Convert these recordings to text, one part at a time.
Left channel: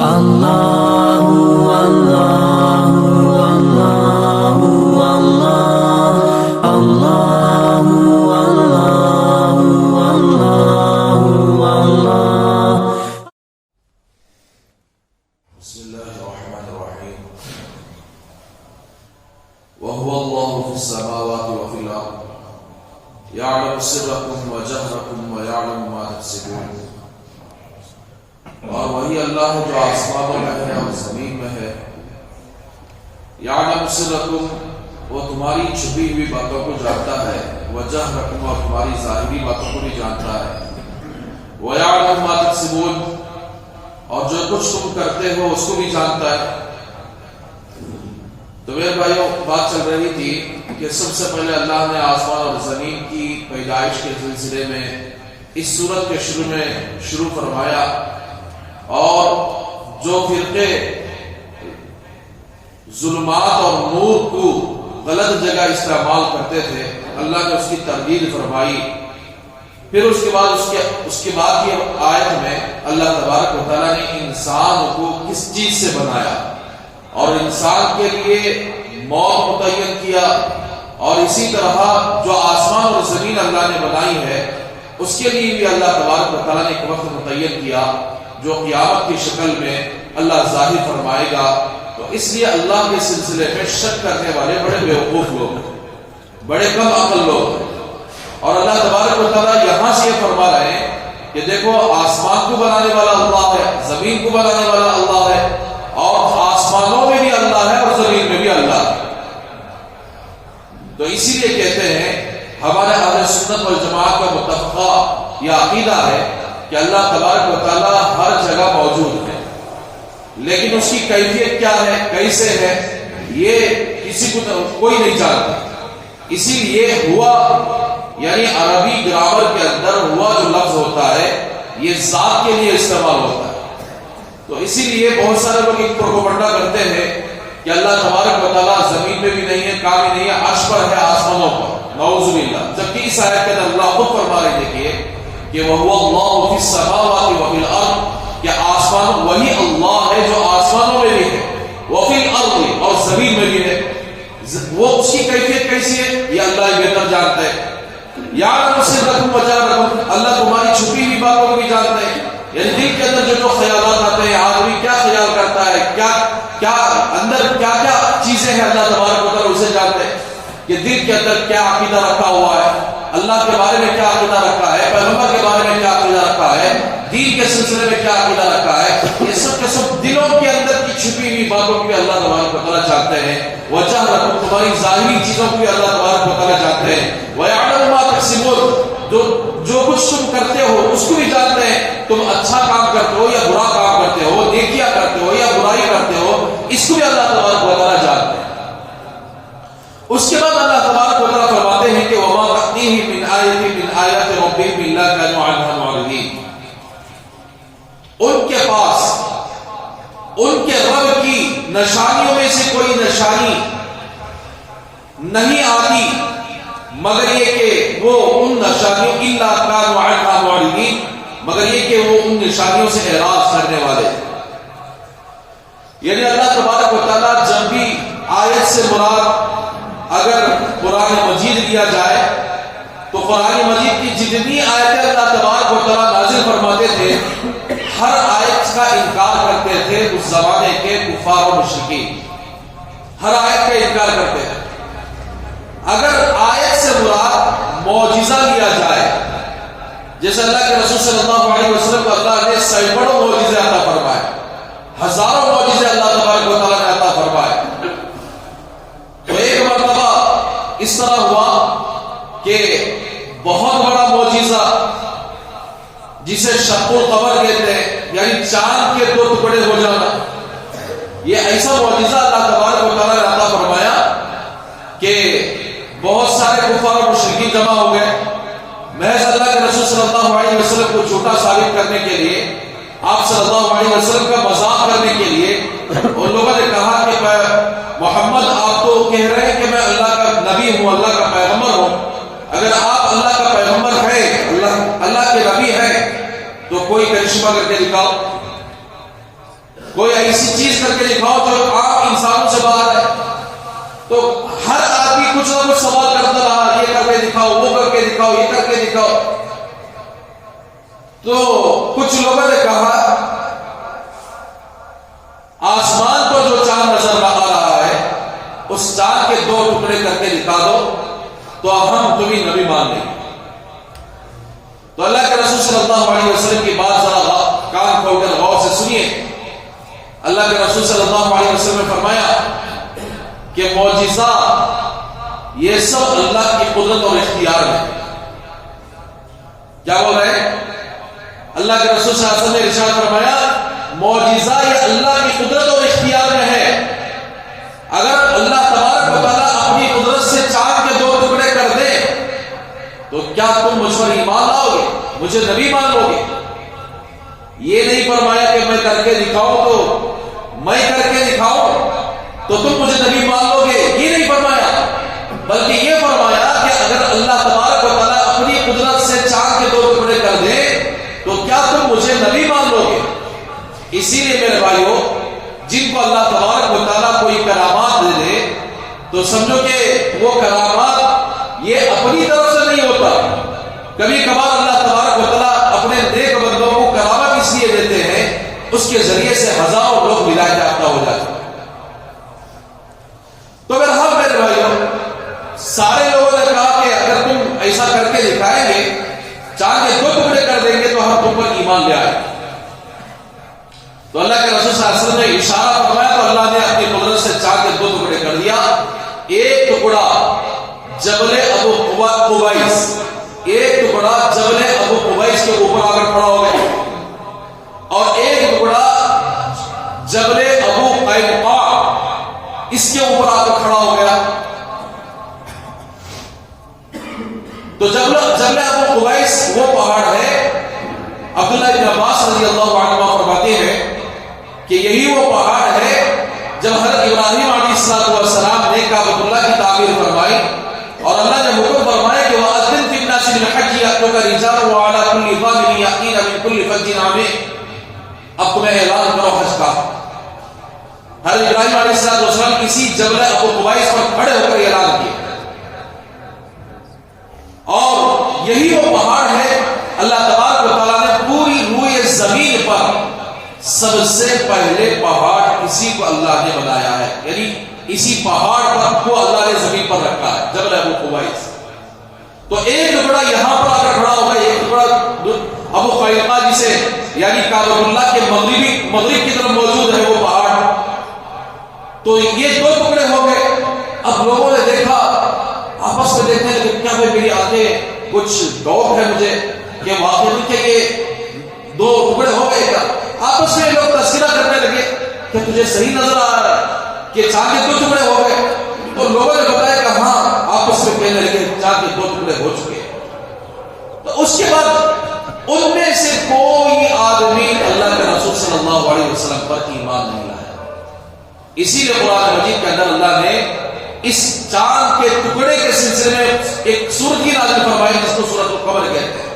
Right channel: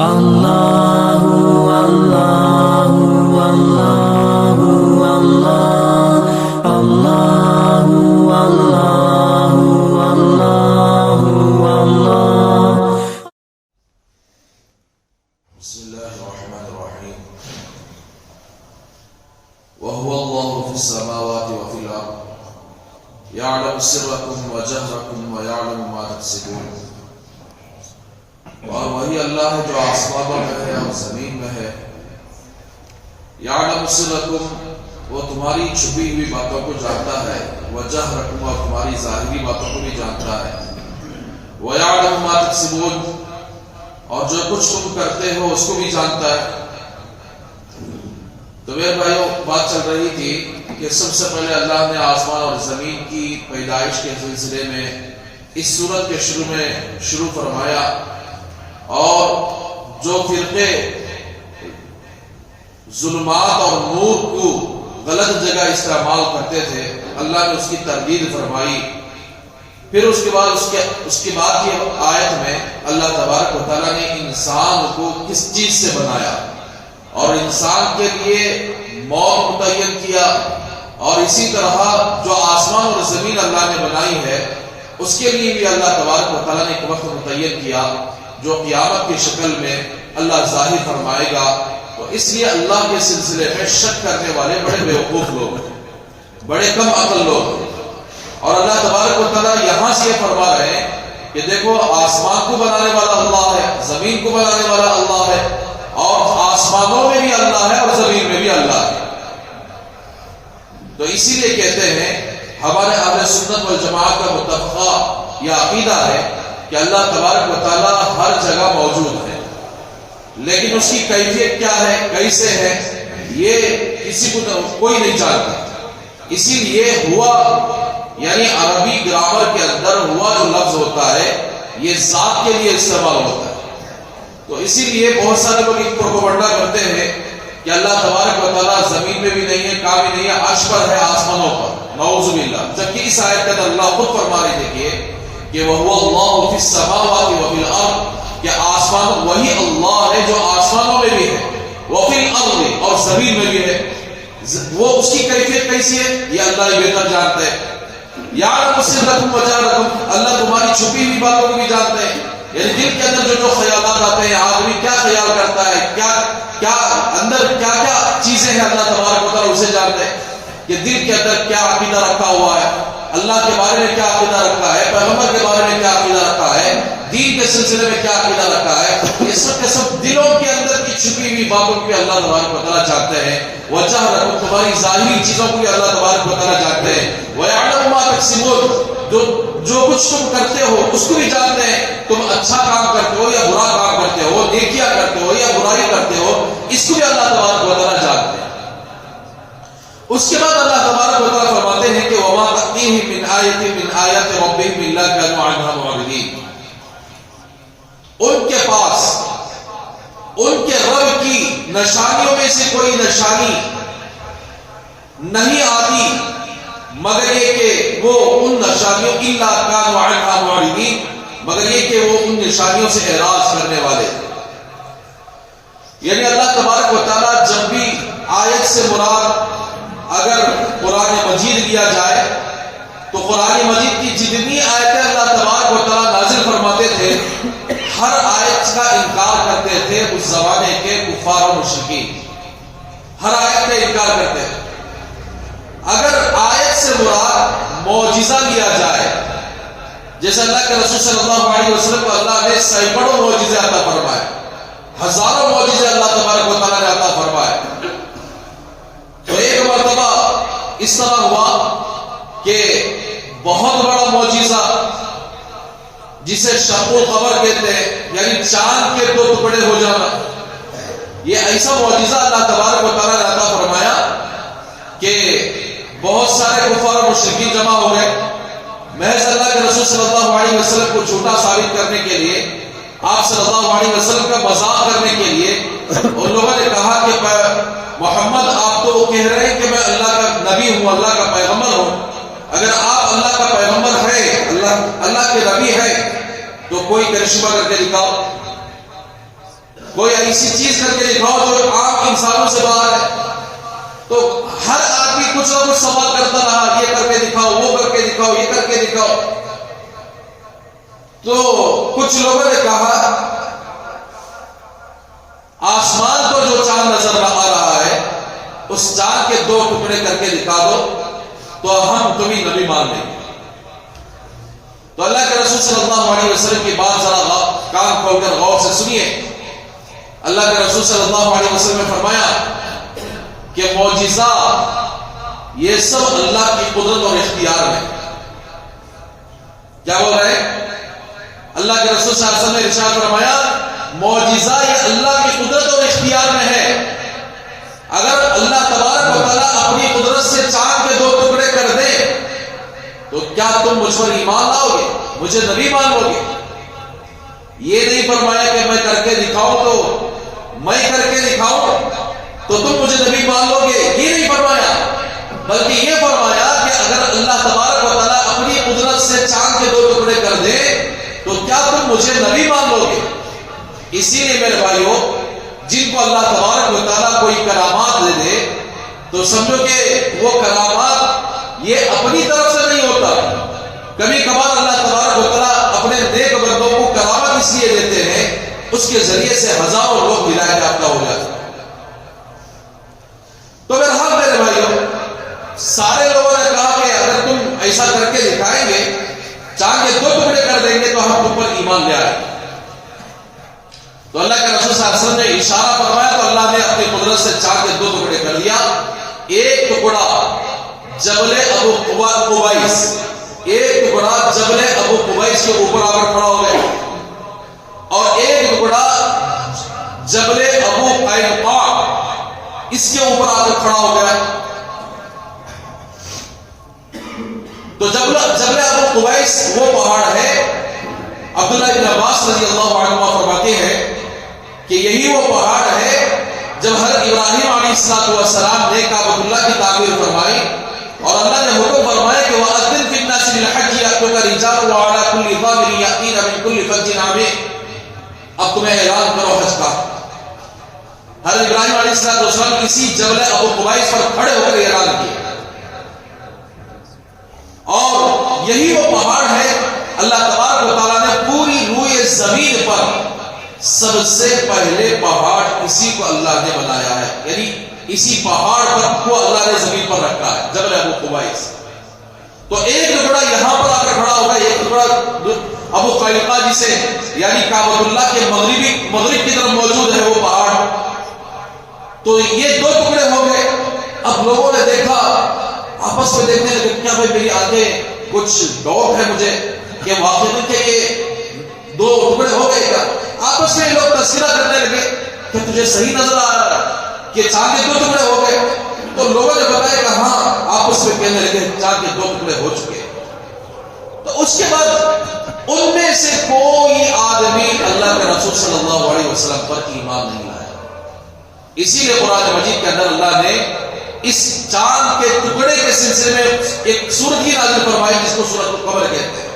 وهو الله في السماوات وفي الأرض يعلم سركم وجهركم ويعلم ما تكسبون. اور وہی اللہ ہے جو آسمانوں میں ہے اور زمین میں ہے. یعلم سرکم، وہ تمہاری چھپی ہوئی باتوں کو جانتا ہے. وجہرکم، اور تمہاری ظاہری باتوں کو بھی جانتا ہے. ویعلم ما تکسبون، اور جو کچھ تم کرتے ہو اس کو بھی جانتا ہے. تو میرے بھائیوں، بات چل رہی تھی کہ سب سے پہلے اللہ نے آسمان اور زمین کی پیدائش کے سلسلے میں اس سورت کے شروع فرمایا، اور جو فرقے ظلمات اور نور کو غلط جگہ استعمال کرتے تھے اللہ نے اس کی تردید فرمائی. پھر اس کے بعد کی آیت میں اللہ تبارک و تعالیٰ نے انسان کو کس چیز سے بنایا اور انسان کے لیے موت متعین کیا، اور اسی طرح جو آسمان اور زمین اللہ نے بنائی ہے اس کے لیے بھی اللہ تبارک و تعالیٰ نے ایک وقت متعین کیا جو قیامت کی شکل میں اللہ ظاہر فرمائے گا. تو اس لیے اللہ کے سلسلے میں شک کرنے والے بڑے بیوقوف لوگ ہیں، بڑے کم عقل لوگ ہیں. اور اللہ تبارک و تعالیٰ یہاں سے یہ فرما رہے ہیں کہ دیکھو، آسمان کو بنانے والا اللہ ہے، زمین کو بنانے والا اللہ ہے، اور آسمانوں میں بھی اللہ ہے اور زمین میں بھی اللہ ہے. تو اسی لیے کہتے ہیں ہمارے اہل سنت والجماعت کا متفقہ یہ عقیدہ ہے کہ اللہ تبارک و تعالیٰ ہر جگہ موجود ہے، لیکن اس کی کیفیت کیا ہے، کیسے ہے، یہ کسی کو کوئی نہیں جانتا. اسی لیے ہوا، یعنی عربی گرامر کے اندر ہوا جو لفظ ہوتا ہے یہ ذات کے لیے استعمال ہوتا ہے. تو اسی لیے بہت سارے لوگ ایک پروپگنڈا کرتے ہیں کہ اللہ تبارک و تعالیٰ زمین میں بھی نہیں ہے، کہاں بھی نہیں ہے، عرش پر ہے، آسمانوں پر. نعوذ باللہ. جبکہ اس آیت کے اندر اللہ خود فرما رہے دیکھیے کہ وَهُوَ اللَّهُ فِي السَّمَاوَاتِ وَفِي الْأَرْضِ، کہ آسمان وہی اللہ ہے جو آسمانوں میں بھی ہے، وَفِي الْأَرْضِ، اور زمین میں بھی ہے. وہ اس کی کیفیت کیسی ہے یہ اللہ ہی بہتر جانتے ہیں. یعلم سرکم وجہرکم، اللہ تمہاری چھپی ہوئی باتوں کو بھی جانتے ہیں. یعنی دل کے اندر جو خیالات آتے ہیں، آدمی کیا خیال کرتا ہے، کیا اندر کیا چیزیں ہیں، اللہ تبارک و تعالیٰ اسے جانتے ہیں. کہ دل کے اندر کیا عقیدہ رکھا ہوا ہے، اللہ کے بارے میں کیا عقیدہ رکھا ہے، پیغمبر کے بارے میں کیا عقیدہ رکھا ہے، دین کے سلسلے میں کیا عقیدہ رکھا ہے، یہ سب کے سب دلوں کے اندر کی چھپی ہوئی باتوں کو بھی اللہ تبارک و تعالیٰ جانتے ہیں. وجہرکم، تمہاری ظاہری چیزوں کو بھی اللہ تبارک و تعالیٰ جانتے ہیں. ویعلم ما تکسبون، جو کچھ تم کرتے ہو اس کو بھی جانتے ہیں. تم اچھا کام کرتے ہو یا برا کام کرتے ہو، نیکیاں کرتے ہو یا برائی کرتے ہو، اس کو بھی اللہ تبارک و تعالیٰ جانتے ہیں. اس کے بعد اللہ تبارک و تعالیٰ فرماتے ہیں کہ وما تأتیہم من آیۃ من آیات ربہم الا کانوا عنہا معرضین. ان کے پاس ان کے رب کی نشانیوں میں سے کوئی نشانی نہیں آتی مگر یہ کہ وہ ان نشانیوں الا کانوا عنہا معرضین، مگر یہ کہ وہ ان نشانیوں سے اعراض کرنے والے. یعنی اللہ تبارک و تعالیٰ جب بھی آیت سے مراد اگر قرآن مجید لیا جائے تو قرآن مجید کی جتنی آیتیں اللہ تبارک و تعالیٰ نازل فرماتے تھے ہر آیت کا انکار کرتے تھے اس زمانے کے کفار و مشرکین. ہر آیت کا انکار کرتے تھے. اگر آیت سے مراد معجزہ لیا جائے، جیسے اللہ کے رسول صلی اللہ علیہ وسلم کو اللہ نے سینکڑوں معجزے عطا فرمائے، ہزاروں معجزے اللہ تبارک و تعالیٰ نے عطا فرمائے. تو ایک مرتبہ اس طرح ہوا کہ بہت بڑا معجزہ جسے شق القمر کہتے ہیں، یعنی چاند کے دو ٹکڑے ہو جانا، یہ ایسا معجزہ اللہ تبارک و تعالیٰ نے عطا فرمایا کہ بہت سارے کفار و مشرکین جمع ہو گئے. محض اللہ کے رسول صلی اللہ علیہ وسلم کو جھوٹا ثابت کرنے کے لیے، آپ صلی اللہ علیہ وسلم کا مذاق کرنے کے لیے ان لوگوں نے کہا کہ محمد آپ تو کہہ رہے ہیں کہ میں اللہ کا نبی ہوں، اللہ کا پیغمبر ہوں، اگر آپ اللہ کا پیغمبر ہے، اللہ کے نبی ہے تو کوئی کرشمہ کر کے دکھاؤ. کوئی ایسی چیز کر کے دکھاؤ جو عام انسانوں سے باہر ہے. تو ہر آدمی کچھ نہ کچھ سوال کرتا رہا، یہ کر کے دکھاؤ، وہ کر کے دکھاؤ، یہ کر کے دکھاؤ. تو کچھ لوگوں نے کہا آسمان کو جو چاند نظر آ رہا ہے اس چاند کے 2 ٹکڑے کر کے دکھا دو تو ہم تمہیں نبی مان لیں گے. تو اللہ کے رسول صلی اللہ علیہ وسلم کی بات ذرا کان کھول کر غور سے سنیے. اللہ کے رسول صلی اللہ علیہ وسلم نے فرمایا کہ معجزہ یہ سب اللہ کی قدرت اور اختیار ہے. کیا بول رہے ہیں؟ اللہ کے رسول صلی اللہ علیہ وسلم نے ارشاد فرمایا معجزہ یہ اللہ کی قدرت اور اختیار میں ہے. اگر اللہ تبارک و تعالیٰ اپنی قدرت سے چاند کے 2 ٹکڑے کر دے تو کیا تم مجھ پر ایمان لاؤ گے، مجھے نبی مان لو گے؟ یہ نہیں فرمایا کہ میں کر کے دکھاؤں تو تم مجھے نبی مان لو گے، یہ نہیں فرمایا، بلکہ یہ فرمایا کہ اگر اللہ تبارک و تعالیٰ اپنی قدرت سے چاند کے 2 ٹکڑے کر دے تو کیا تم مجھے نبی مان لو گے؟ اسی لیے میرے بھائیوں، جن کو اللہ تبارک و تعالیٰ کوئی کرامات دے دے تو سمجھو کہ وہ کرامات یہ اپنی طرف سے نہیں ہوتا. کبھی کبھار اللہ تبارک و تعالیٰ اپنے نیک بندوں کو کرامت اس لیے دیتے ہیں اس کے ذریعے سے ہزاروں لوگ ہدایت یافتہ ہو جاتے ہیں. تو اگر ہم میرے بھائیوں سارے لوگوں نے کہا کہ اگر تم ایسا کر کے دکھائیں گے، چاند کے 2 ٹکڑے کر دیں گے تو ہم تم پر ایمان لے آئیں گے. تو اللہ کے رسول صلی اللہ علیہ وسلم نے اشارہ فرمایا تو اللہ نے اپنی قدرت سے چاند کے 2 ٹکڑے کر دیا. ایک ٹکڑا جبل ابو قبیس، ایک ٹکڑا جبل ابو قبیس کے اوپر آ کر کھڑا ہو گیا اور ایک ٹکڑا جبل ابو قینقاع اس کے اوپر آ کر کھڑا ہو گیا. تو جبل ابو قبیس وہ پہاڑ ہے، عبداللہ ابن عباس رضی اللہ عنہ فرماتے ہیں کہ یہی وہ پہاڑ ہے جب حضرت ابراہیم علیہ السلام نے کعبۃ اللہ کی تعمیر فرمائی اور اللہ نے حکم فرمایا کہ وَأَذِّنْ فِي النَّاسِ بِالْحَجِّ يَأْتُوكَ رِجَالًا وَعَلَى كُلِّ ضَامِرٍ يَأْتِينَ مِنْ كُلِّ فَجٍّ عَمِيقٍ. اب تمہیں اعلان کرو حج کا. حضرت ابراہیم علیہ السلام کسی جبل ابو قبیس پر کھڑے ہو کر اعلان کیا اور یہی وہ پہاڑ ہے اللہ تبارک و تعالیٰ نے پوری روئے زمین پر سب سے پہلے پہاڑ اسی کو اللہ نے بنایا ہے، یعنی اسی پہاڑ پر کو اللہ نے زمین پر رکھا ہے، جبل ابو قبیس. تو ایک ٹکڑا یہاں پر آ کر کھڑا ہوگا، ایک ٹکڑا ابو قینقاع جسے یعنی کعبۃ اللہ کے مغرب کی طرف موجود ہے وہ پہاڑ. تو یہ 2 ٹکڑے ہو گئے. اب لوگوں نے دیکھا، آپس میں دیکھنے لگے کیا بھائی میری آنکھیں کچھ ڈاؤٹ ہے مجھے کہ واقعی کہ یہ 2 ٹکڑے ہو گئے کیا. آپس میں لوگ تذکرہ کرنے لگے کہ تجھے صحیح نظر آ رہا ہے کہ چاند کے 2 ٹکڑے ہو گئے. تو لوگوں نے بتایا کہ ہاں، آپس میں کہنے لگے چاند کے 2 ٹکڑے ہو چکے. تو اس کے بعد ان میں سے کوئی آدمی اللہ کے رسول صلی اللہ علیہ وسلم پر ایمان نہیں لایا. اسی لیے قرآن مجید کے اندر اللہ نے اس چاند کے ٹکڑے کے سلسلے میں ایک سورت ہی نازل فرمائی جس کو سورۃ القمر کہتے ہیں.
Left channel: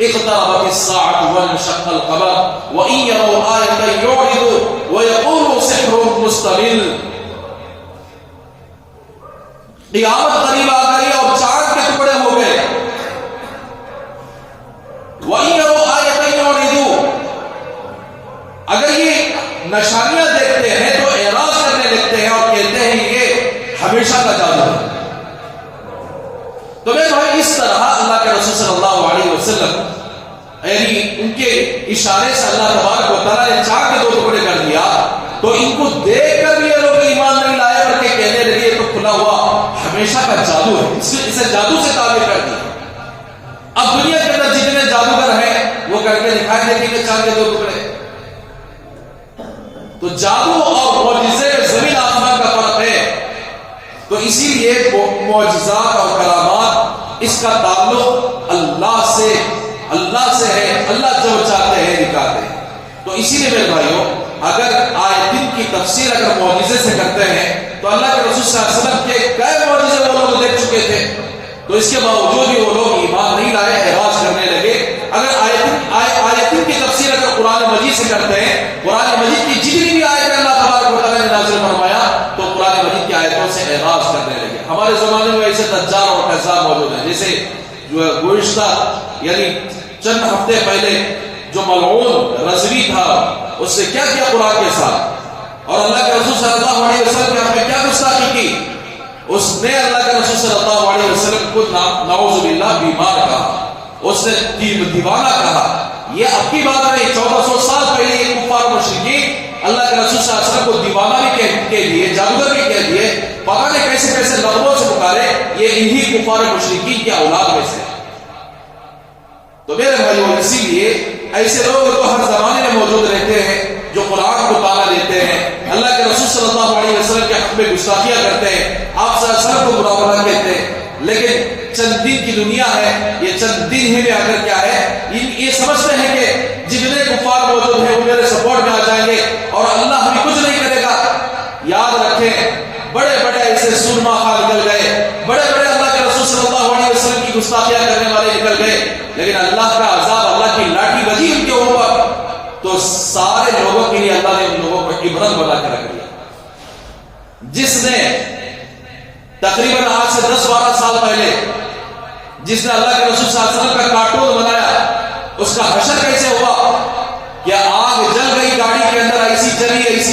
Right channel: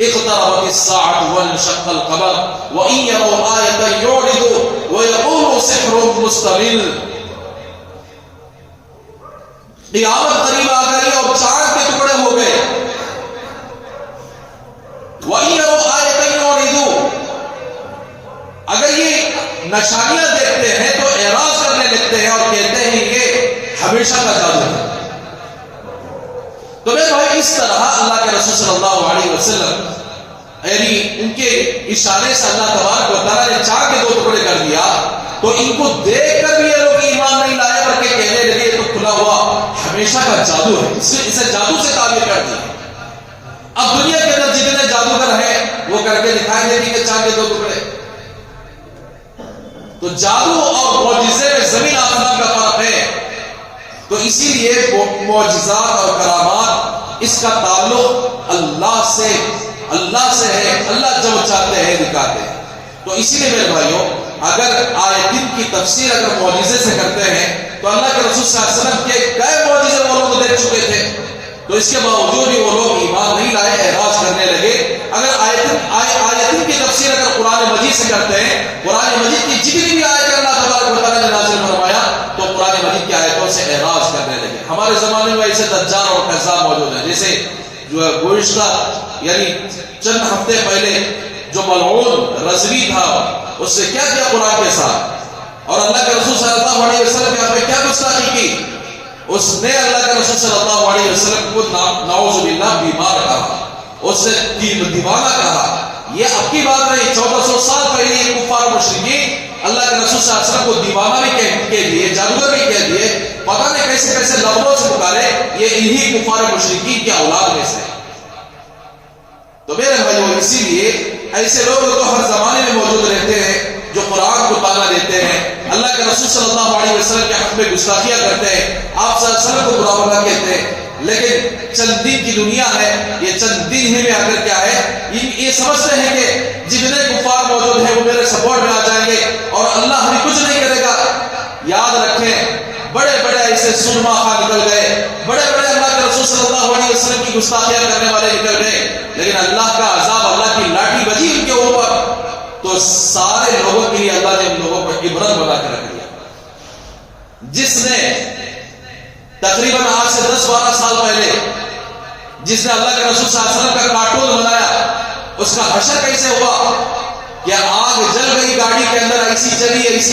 اقتربت الساعة وانشق القمر وإن يروا آية يعرضوا ويقولوا سحر مستمر. قیامت قریب آ گئی اور چاند کے ٹکڑے ہو گئے. وإن يروا آية يعرضوا، اگر یہ نشانیاں دیکھتے ہیں تو اعراض کرنے لگتے ہیں اور کہتے ہیں یہ ہمیشہ کا جادو ہے. تو میرے بھائی اس طرح اللہ کے رسول صلی اللہ علیہ وسلم یعنی ان کے اشارے سے اللہ تبارک و تعالیٰ نے چاند کے 2 ٹکڑے کر دیا. تو ان کو دیکھ کر بھی یہ لوگ ایمان نہیں لائے بلکہ کہنے لگے یہ تو کھلا ہوا ہمیشہ کا جادو ہے، اسے جادو سے تعبیر کر دیا. اب دنیا کے اندر جتنے جادوگر ہیں وہ کر کے دکھائیں گے کہ چاند کے 2 ٹکڑے. تو جادو اور معجزے میں زمین آسمان کا فرق ہے. تو اسی لیے معجزات اور کرامات اس کا تعلق اللہ سے ہے. اللہ جو چاہتے ہیں دکھاتے ہیں. تو اسی لیے میرے بھائیوں اگر آیتین کی تفسیر اگر معجزے سے کرتے ہیں تو اللہ کے رسول صلی اللہ علیہ وسلم کے کئی معجزے وہ لوگ دیکھ چکے تھے، تو اس کے باوجود بھی وہ لوگ ایمان نہیں لائے، اعراض کرنے لگے. اگر آیتین کی تفسیر اگر قرآن مجید سے کرتے ہیں، قرآن مجید کی جتنی بھی سے اعراض کرنے لگے. ہمارے زمانے میں ایسے دجال اور کذاب موجود ہیں. جیسے جو گزشتہ یعنی چند ہفتے پہلے جو ملعون رضوی تھا اس نے کیا کیا قرآن کے ساتھ, اور اللہ کے رسول صلی اللہ علیہ وسلم کے ہمیں کیا گستاخی کی. اس نے اللہ کے رسول صلی اللہ علیہ وسلم کو نعوذ باللہ بیمار کہا, اس نے دیوانہ کہا. یہ اب کی بات نہیں, 1400 سال پہلے یہ کفار مشرکین اللہ کے رسول صلی اللہ علیہ وسلم کو دیوانہ بھی کہہ دیے, جادوگر بھی کہہ دیے, پتہ نہیں کیسے کیسے لقبوں سے پکارے. یہ انہی کفار مشرکین کی اولاد میں سے. تو میرے بھائیو, اسی لیے ایسے لوگ تو ہر زمانے میں موجود رہتے ہیں جو قرآن کو تانا دیتے ہیں, اللہ کے رسول صلی اللہ علیہ وسلم کے حق میں گستاخیاں کرتے ہیں, آپ صلی اللہ علیہ وسلم کو برا بھلا کہتے ہیں. لیکن چند دن کی دنیا ہے, یہ چند دن ہی میں اگر کیا ہے, یہ سمجھتے ہیں کہ جتنے کفار موجود ہیں وہ میرے سپورٹ میں آ جائیں گے اور اللہ ہمیں کچھ نہیں کرے گا. یاد رکھیں, بڑے بڑے ایسے سرما خان نکل گئے, بڑے بڑے اللہ کے رسول صلی اللہ علیہ وسلم کی گستاخیاں کرنے والے نکل گئے, لیکن اللہ کا عذاب, اللہ کی لاٹھی بجی ان کے اوپر, تو سارے لوگوں کے لیے اللہ نے ان لوگوں کو عبرت بنا کے رکھ دیا. جس نے تقریباً آج سے 10-12 سال پہلے جس نے اللہ کے رسول صلی اللہ علیہ وسلم کا کارٹون بنایا, اس کا حشر کیسے ہوا کہ آگ جل گئی گاڑی کے اندر, ایسی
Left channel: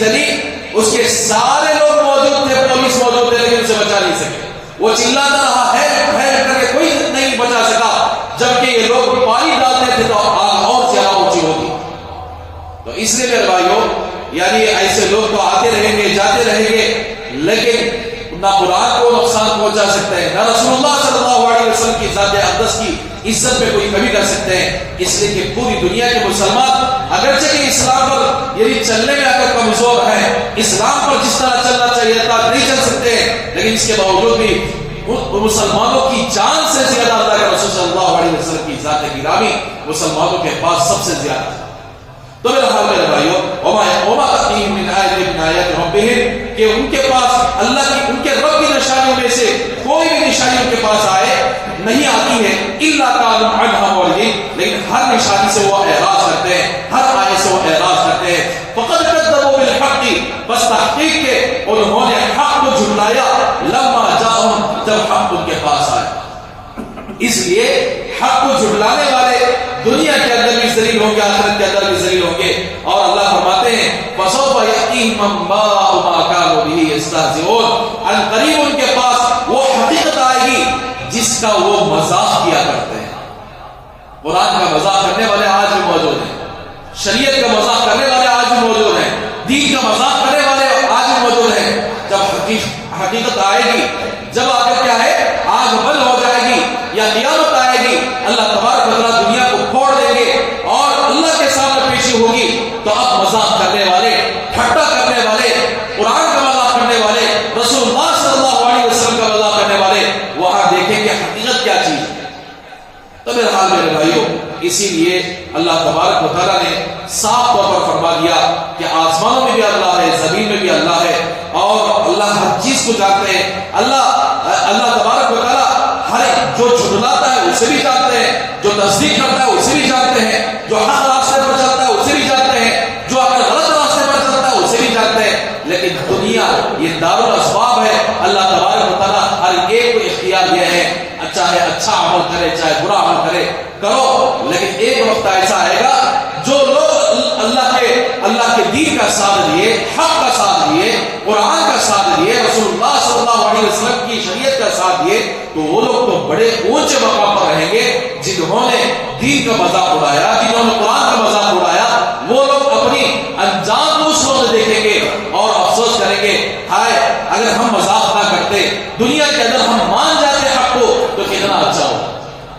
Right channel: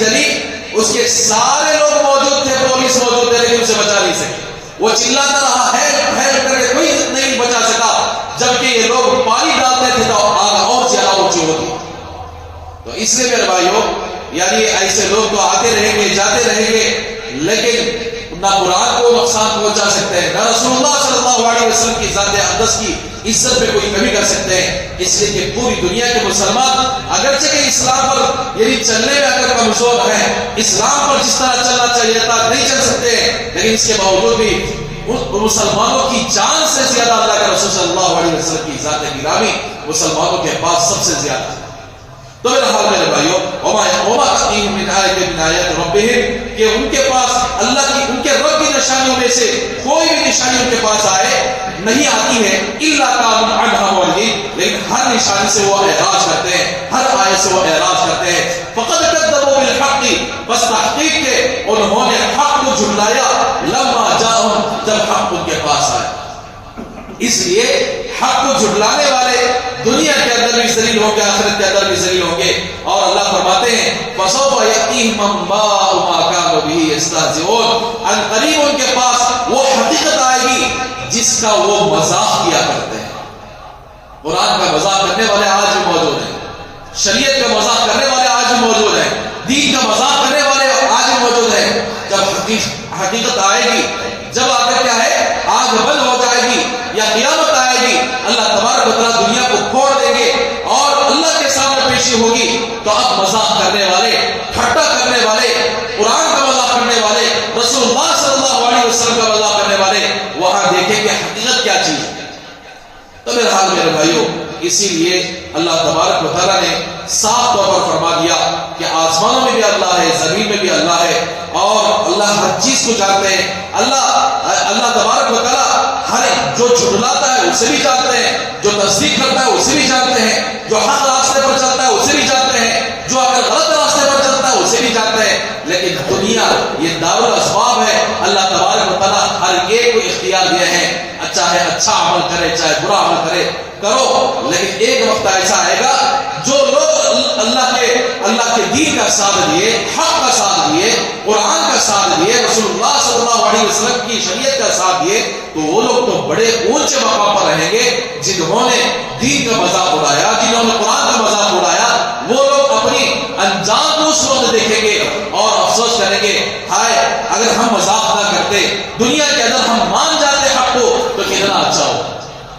جلی, اس کے سارے لوگ موجود تھے, پولیس موجود تھے, لیکن اسے بچا نہیں سکے. وہ چلاتا رہا ہے کر کے کوئی نہیں بچا سکا, جبکہ یہ لوگ پانی ڈالتے تھے تو آگ اور زیادہ اونچی ہوتی. تو اس لیے میرے بھائیو, یعنی ایسے لوگ تو آتے رہیں گے, جاتے رہیں گے, لیکن نہ قرآن کو نقصان پہنچا سکتے ہیں, نہ رسول اللہ صلی اللہ علیہ وسلم کی ذات اقدس کی عزت میں کوئی کمی کر سکتے ہیں. اس لیے کہ پوری دنیا کے مسلمان اگرچہ کہ اسلام پر یعنی چلنے میں اگر کمزور ہیں, اسلام پر جس طرح چلنا چاہیے تھا نہیں چل سکتے ہیں, لیکن اس کے باوجود بھی مسلمانوں کی جان سے زیادہ اللہ کے رسول صلی اللہ علیہ وسلم کی ذات گرامی مسلمانوں کے پاس سب سے زیادہ ہے. تو میرا حال میرے بھائیو, وما تأتیہم من آیۃ من آیات ربہم, کہ ان کے پاس اللہ کی, ان کے رب کی نشانیوں میں سے کوئی بھی نشانی ان کے پاس آئے نہیں آتی ہے, الا کانوا عنہا معرضین, لیکن ہر نشانی سے وہ اعراض کرتے ہیں, ہر آیت سے وہ اعراض کرتے ہیں. فقد کذبوا بالحق, بس تحقیق کے انہوں نے حق کو جھٹلایا, لما جاءہم, جب حق ان کے پاس آیا. اس لیے حق کو جھٹلانے والے دنیا کے اندر بھی ذلیل ہوں گے, آخرت کے اندر بھی ذلیل ہوں گے. اور اللہ فرماتے ہیں فسوف یأتیہم انباء ما کانوا بہ یستہزئون, ان قریب ان کے پاس وہ حقیقت آئے گی جس کا وہ مذاق کیا کرتے ہیں. قرآن کا مذاق کرنے والے آج بھی موجود ہیں, شریعت کا مذاق کرنے والے آج بھی موجود ہیں, دین کا مذاق کرنے والے آج بھی موجود ہیں. جب حقیقت آئے گی, جب آخر کیا ہے, آگ بند ہو جائے گی یا قیامت آئے گی, اللہ تبارک و تعالیٰ دنیا کو پھوڑ دیں گے اور اللہ کے سامنے پیشی ہوگی, تو اب مذاق کرنے والے, ٹھٹا کرنے والے, قرآن کا مذاق کرنے والے, رسول اللہ صلی اللہ علیہ وسلم کا مذاق کرنے والے وہاں دیکھیں کہ حقیقت کیا چیز ہے. تو میرے حال میرے بھائیوں, اسی لیے اللہ تبارک و تعالیٰ نے صاف طور پر فرما دیا کہ آسمانوں میں بھی اللہ ہے, زمین میں بھی اللہ ہے, اور اللہ ہر چیز کو جانتے ہیں. اللہ تبارک و تعالیٰ ہر جو جھٹلاتا ہے اسے بھی جانتے ہیں, جو تصدیق کرتا ہے اسے بھی جانتے ہیں, جو حق راستے پر چلتا ہے اسے بھی جانتے ہیں, جو اگر غلط راستے پر چلتا ہے اسے بھی جانتے ہیں. لیکن دنیا یہ دارالاسباب ہے, اللہ تبارک و تعالیٰ ہر ایک کو اختیار دیا ہے, چاہے اچھا عمل کرے چاہے برا عمل کرے, کرو. لیکن ایک وقت ایسا آئے گا جو لوگ اللہ کے دین کا ساتھ دیے, حق کا ساتھ دیے, قرآن کا ساتھ دیے, رسول اللہ صلی اللہ علیہ وسلم کی شریعت کا ساتھ دیے, تو وہ لوگ تو بڑے اونچے مقام پر رہیں گے. جنہوں نے دین کا مذاق اڑایا, جنہوں نے قرآن کا مذاق اڑایا, وہ لوگ اپنی انجام دوسروں میں دیکھیں گے اور افسوس کریں گے, ہائے اگر ہم مذاق نہ کرتے, دنیا کے اندر ہم مان جاتے حق کو, تو کتنا اچھا ہو.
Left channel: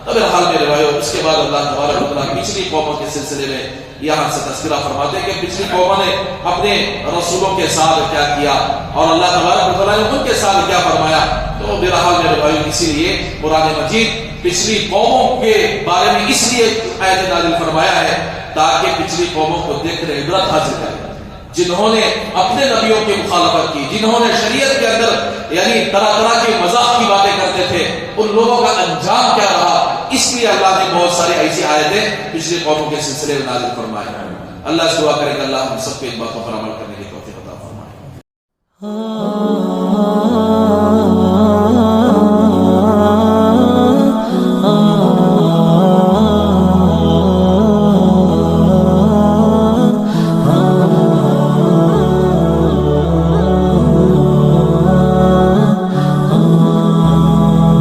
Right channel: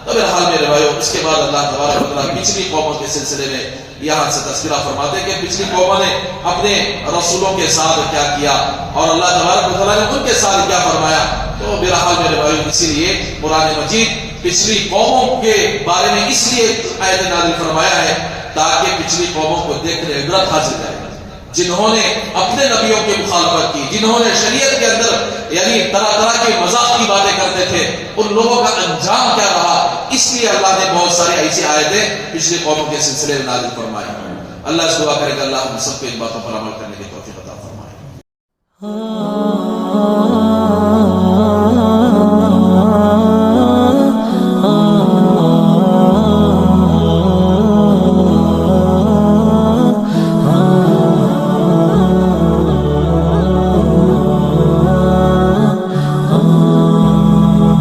تو میرے حال میرے بھائیو, اس کے بعد اللہ تبارک و تعالیٰ پچھلی قوموں کے سلسلے میں یہاں سے تذکرہ فرماتے ہیں کہ پچھلی قوموں نے اپنے رسولوں کے ساتھ کیا کیا اور اللہ تبارک و تعالیٰ نے ان کے ساتھ کیا فرمایا. تو میرا حال میرے بھائیو, اسی لیے قرآن مجید پچھلی قوموں کے بارے میں اس لیے آیت نازل فرمایا ہے تاکہ پچھلی قوموں کو دیکھ کر عبرت حاصل کریں, جنہوں نے اپنے نبیوں کی مخالفت کی, جنہوں نے شریعت کے اندر یعنی طرح طرح کے مذاق کی باتیں کرتے تھے, ان لوگوں کا انجام کیا رہا. اس لیے اللہ نے بہت ساری ایسی آیتیں پچھلی قوموں کے سلسلے میں نازل فرمائی. اللہ سے دعا کرے کہ اللہ ہم سب کو ان باتوں پر عمل کرنے کی توفیق عطا فرمائے.